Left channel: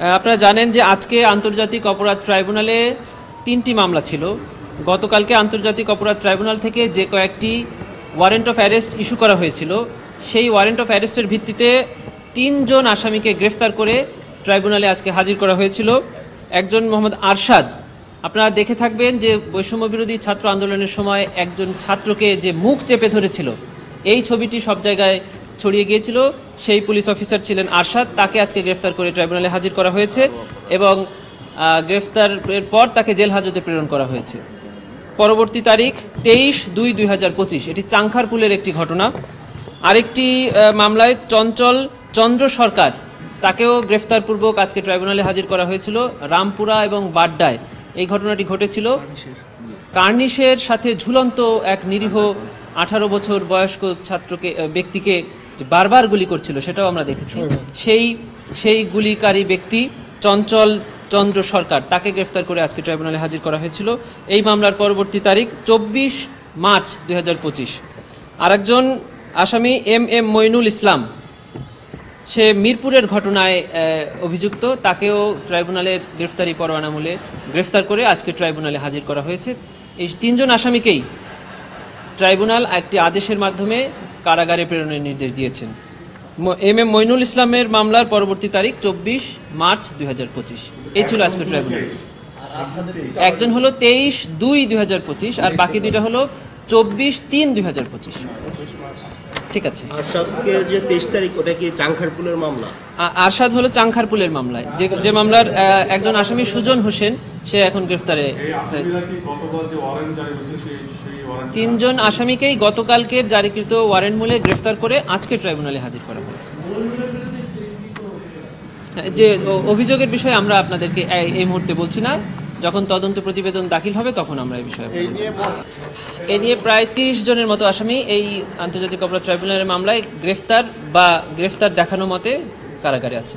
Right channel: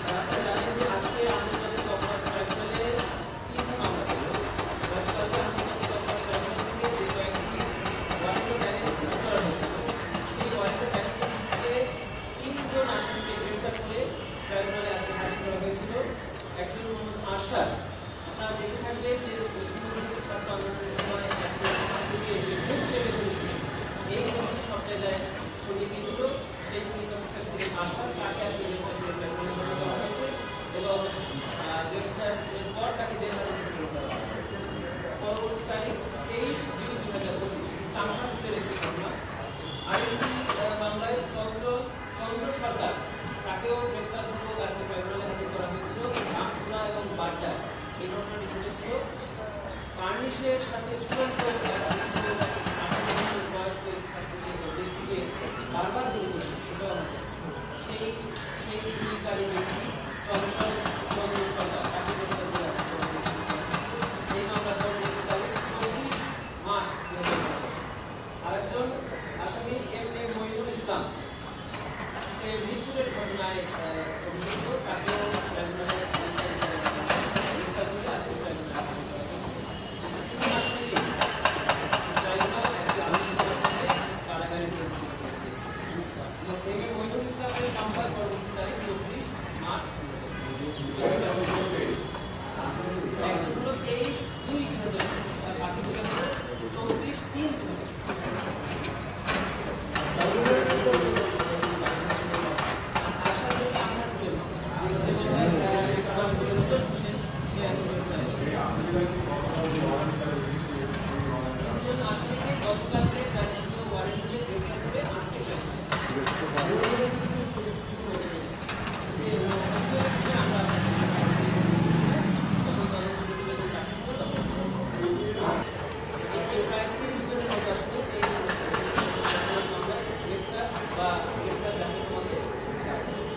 আপনারা জানেন যে আজকে আন্তর্জাতিক অপরাধ ট্রাইব্যুনালে ৩টি মামলা ছিল। গতকালকে আন্তর্জাতিক অপরাধ ট্রাইব্যুনাল থেকে যে কয়েকটি ওয়ারেন্ট অফ অ্যারেস্ট ইস্যু করা হয়েছিল, সেই ওয়ারেন্ট অফ অ্যারেস্টের ভিত্তিতে ৩ জন আসামিকে গ্রেফতার করে ট্রাইব্যুনালে আজকে হাজির করা হয়েছিল। একজন মোহাম্মদ আরশাদ, আপনারা দেখে থাকবেন যে বৈষম্য বিরোধী ছাত্র আন্দোলনের সময় একজন ছাত্রকে যে মুখ চেপে ধরেছিল, এই ছবিটি সব জায়গায় ছড়িয়ে গিয়েছিল। সেই পুলিশ অফিসার ছিলেন আরশাদ, তাকে আজকে গ্রেফতার করে ট্রাইব্যুনালে হাজির করা হয়েছে এবং গ্রেফতারের পর তাকে জেল হাজতে প্রেরণ করা হয়েছে। পরবর্তী তারিখ 23/2/2025, এটি চাংখারপুলের একটি ঘটনা। আরেকটি মামলায় চঞ্চল চন্দ্র সরকার, তাকেও গ্রেফতারপূর্বক আজকে ট্রাইব্যুনালে হাজির করা হয়েছিল রামপুরা এবং বাড্ডায়। এই ঘটনাটি ঘটেছিল কার্নিশের সাথে ঝুলন্ত এক নিরীহ 18 বছর বয়স্ক ব্যক্তিকে বারবার গুলি করছিল, সেটাও আমরা দেখেছি। সেই গুলিকারী ব্যক্তি চঞ্চল চন্দ্র সরকার, তাকে গ্রেফতার করে আজকে ট্রাইব্যুনালে হাজির করা হয়েছিল। এই মামলার পরবর্তী তারিখ 24 মার্চ 2025। আরেকজন আসামি এম মইনুল ইসলাম, সে মিরপুরের ঘটনায় অভিযুক্ত, তাকেও ট্রাইব্যুনালের গ্রেফতারি পরোয়ানা মূলে গ্রেফতার করে আজকে ট্রাইব্যুনালে হাজির করা হয়েছে। এই 3 জন আসামিকেই ট্রাইব্যুনাল একটি আদেশের মাধ্যমে কারাগারে প্রেরণের নির্দেশ দিয়েছেন। এম মইনুল ইসলামের মামলার পরবর্তী তারিখ 24 মার্চ 2025। এই ছিল আজকে ট্রাইব্যুনাল। একজন হলো 23/2/2025 আর বাকি দুইটা হলো 24/3/2025। ঠিক আছে। আরশাদ হলো চাংখারপুলের মামলায়, যে মামলার একজন আসামি সুজন হোসেন, সে এখন গ্রেফতারে। 3 জন আসামিকেই গতকালকের জারিকৃত ওয়ারেন্ট মূলে গ্রেফতার করে আজকে ট্রাইব্যুনালে হাজির করা হয়েছে। যে অভিযোগের বিষয়ে আমরা আপনাদেরকে এই মুহূর্তে বলছি না, যখন তদন্ত প্রতিবেদন দাখিল হবে তখন আমরা এই বিষয়ে এ নিয়ে প্রায় 30 জনের মতো আসামি এই আন্তর্জাতিক অপরাধ ট্রাইব্যুনালের মামলায় গ্রেফতার দেখানো মতে কারাগারে আছে।